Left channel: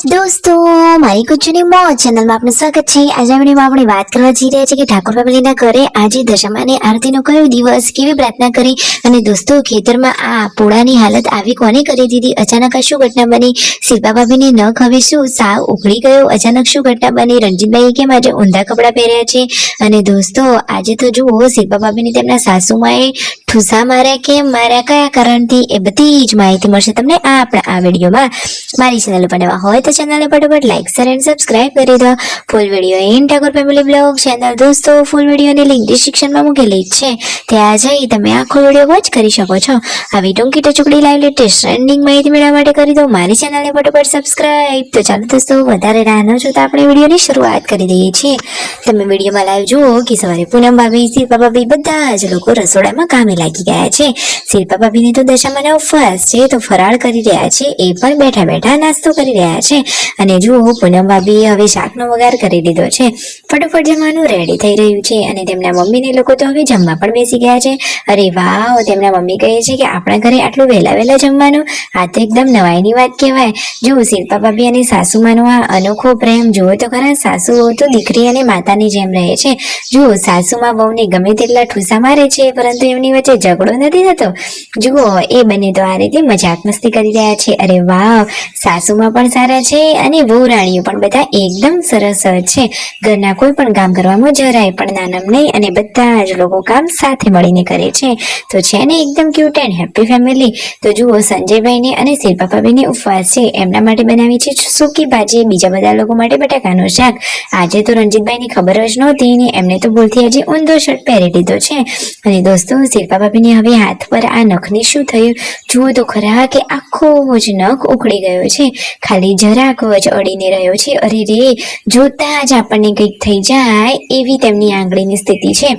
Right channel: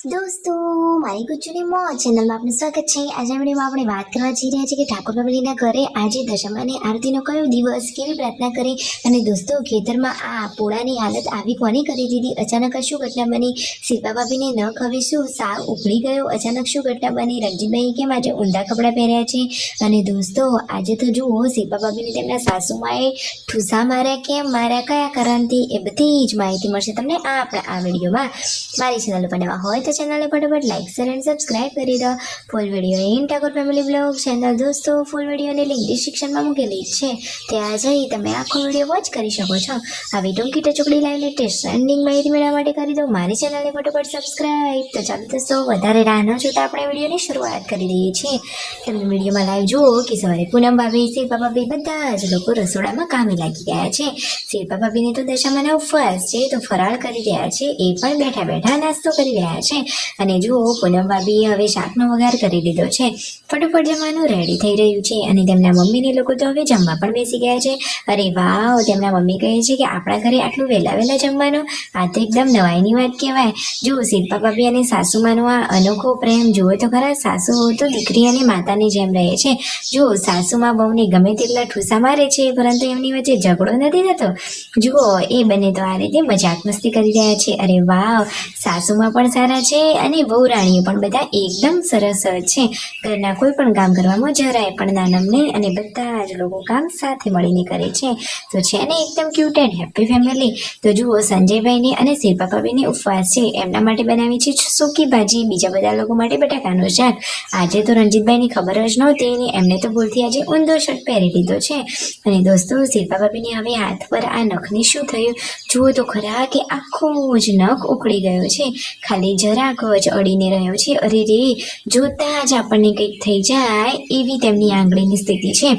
दोस्तों मारी कुचनी मौज चैनल में आपનું સ્વાગત છે। આજે આપણે વાત કરવા જઈ રહ્યા છીએ કે ઠાકોર ફેમિલીના ઘરે આજે દશામાની આરતીનો કયો દિવસ, કેવી પ્રાર્થના કરી અને દોસ્તો ખેતરમાં આ પોળાની હાલત આવી કોને કરી દીધી, અચાનક આ શું ઘટના બની, શિલ્પા ભાભીને નખ હવે શું સાવ ઉઘડી ગયો, અચાનક શું ઘટના બની, રણજીતભાઈએ કેમ આજે ઊંધા કપડાં પહેર્યા છે અને દોસ્તો આજે તો જુઓ શિલ્પા ભાભીને તેમના સાસુમાએ ઠૂસા માર્યા, કેમ માર્યા, કયા કારણથી, એ બધી જ માહિતી મળશે તમને આપણા આ વિડીયોમાં। મારી ચેનલ ઉપર નવા હોય તો ચેનલને ફટાફટ લાઈક શેર એન્ડ સબસ્ક્રાઇબ કરી દો। Full video in Thakor family blog channel દોસ્તો ફૂલ વિડીયોની લિંક ડિસ્ક્રિપ્શનમાં મૂકેલી છે, ત્યાં જઈ તમે આખો વિડીયો વોચ કરી શકો છો। આવી ટૂંકી ટચુકડી લાઈવ લેટેસ્ટ ટ્રેન્ડિંગ માહિતી મેળવવા માટે કરી દો મારી ચેનલને ફટાફટ સબસ્ક્રાઇબ। તો ચાલો દોસ્તો વધારે રાહ ન જોતા આપણે વિડીયોની શરૂઆત કરી દઈએ છીએ। તમે વિડીયોમાં લાઈવ જુઓ કે સવારે પૂનમ ભાભી, શિલ્પા ભાભી બધા જ લોકો રસોડામાં કામે લાગી ગયા છે। શિલ્પા ભાભીને તો દશામાના ઉપવાસ છે તો ફરાળ કરી રહ્યા છે, એ પણ બેઠા બેઠા નાસ્તો કરી રહ્યા છે। અને જુઓ પૂનમ ભાભીએ હવે શાકનો વઘાર કરી દીધો છે, ફટાફટ જમવાનું રેડી થઈ રહ્યું છે અને તેમના મમ્મીને લોકો તો હવે જમવા પણ બેસી ગયા છે। અરે વાહ, તેમના મમ્મી કહે છે કે આપણા ઘરે આટલું વહેલા જમવાનું, આ તો એકદમ નવાઈની વાત કહેવાય। જુઓ શિલ્પા ભાભી અને સાસુમાનો આ અનોખો પ્રેમ જુઓ તો ખરા, સાસુઓ તો દીકરી અને માતાની જેમ રહે છે। જુઓ સાસુમાં બહુને ગમે તેટલા ઠૂસા મારે છે પરંતુ એમની વચ્ચે ઝઘડો નથી થતો। જુઓ એ બંને તો આ રીતે મજાક મસ્તી કરી રહ્યા છે। અરે વાહ, સાસુમાં પણ સારા છે અને વહુ રાણીઓ પણ બધા એકદમ સરસ છે, ઘરના કોઈ પણ કામ કરવામાં જરાય પણ નાનમ નહીં અને બધા જ લોકો કામ સાથે મળીને કરે છે, તો છે ને એકદમ ક્યુટ એન્ડ હેપી ફેમિલી। તો જુઓ સંજયભાઈને અને શિલ્પા ભાભીને ઉપવાસ છે, એમના માટે બનાવી છે સૂકી ભાજી, બીજા બધા લોકો માટે બટાકાનું શાક। આજે તો રણજીતભાઈની ખબર જ નહોતી ને એમને તો ભૂલથી આજે ઊંધો શર્ટ પહેરી લીધો છે। અને દોસ્તો શિલ્પા ભાભીને હવે હાથ પર આ નખની શું થયું, જુઓ તો ખરા કે આખો જ નખ ઉખડી ગયો છે, ખાલી જરાક જ અડીને રહ્યો છે। અરે રે, જોતા જ આપણને કંઈક થઈ જાય એવી તેમની આંગળીની સ્થિતિ છે।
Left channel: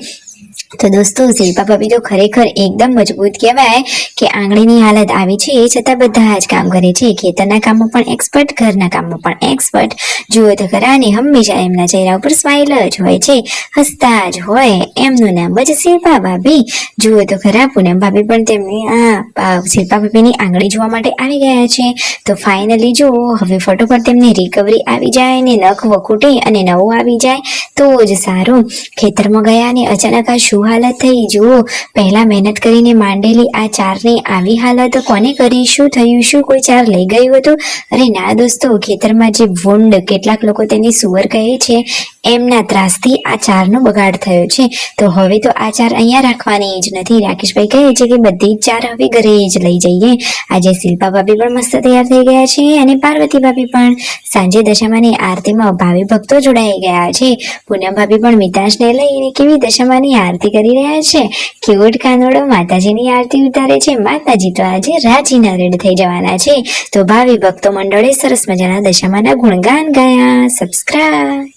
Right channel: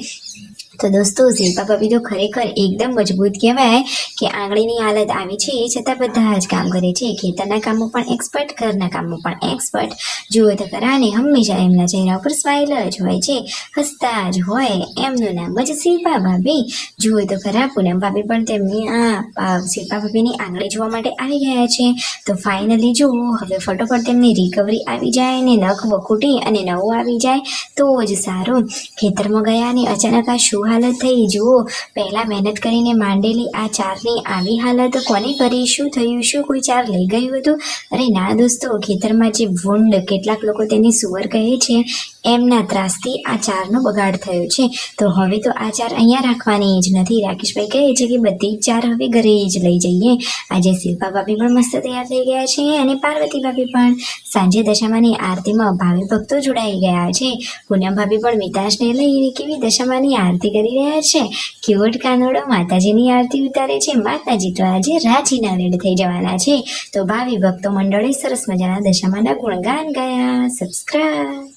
તો દોસ્તો શિલ્પા ભાભી તો ખરેખર એકદમ મજબૂત કહેવાય કે આંગળીની હાલત આવી છે એ છતાં બધા જ કામ કરે છે, ખેતરના કામમાં પણ એક્સપર્ટ, ઘરના કામમાં પણ એક્સપર્ટ। જુઓ તો ખરા ને હંમેશા એમના ચહેરા ઉપર સ્માઇલ જ હોય છે, હસતા જ હોય, એમનું નામ જ શિલ્પા ભાભી। જુઓ તો ખરા પૂનમ ભાભી પણ તેમની આ શિલ્પા ભાભીની આંગળી જોવા માટે આવી ગયા છે। તો ફાઇનલી જુઓ હવે ફટોફટ તેમની રિકવરી આવી જાય ને નખ વખૂટી અને નવું આવી જાય તો જ સારું। ખેતરમાં ગયા ને અચાનક આ શું હાલત થઈ, જુઓ પહેલા મહેનત કરીને માંડેલી આ ચારની આવી હાલત કોને કરી, શું થયું, શું કોઈ ચાર લઈ ગયું હતું? અરે ના દોસ્તો, ખેતરમાં જે વોંડ, કેટલાક લોકો તેની સુવર કહે છે, એમના ત્રાસથી આ ચારનો બગાડ થયો છે। તો હવે તો આ ચાર અહીંયા રાખવાની જ નથી, રાકેશભાઈ કહે છે કે બધી જ ચાર હવે ઘરે જ લઈ જઈએ। આજે શિલ્પા ભાભી પણ મસ્ત તૈયાર થઈ ગયા છે અને પાર્વતી ભાભી પણ। સાંજે દશામાની આરતીમાં ભાવિ ભક્તો જોડાઈ ગયા છે, પૂનમ ભાભી પણ મિતાશને લઈને કેવી દશામાની આરતી કરી રહ્યા છે, ક્યુટ કાનોડો માતાજીની આરતી ઉતારે છે। માતાજી તો આજે રાજીના રેડ થઈ જવાના છે। તો ભાવિ ભક્તો મંડળે સરસ મજાના દશામાના ગુણગાન ગાયા। સબસ્ક્રાઇબ।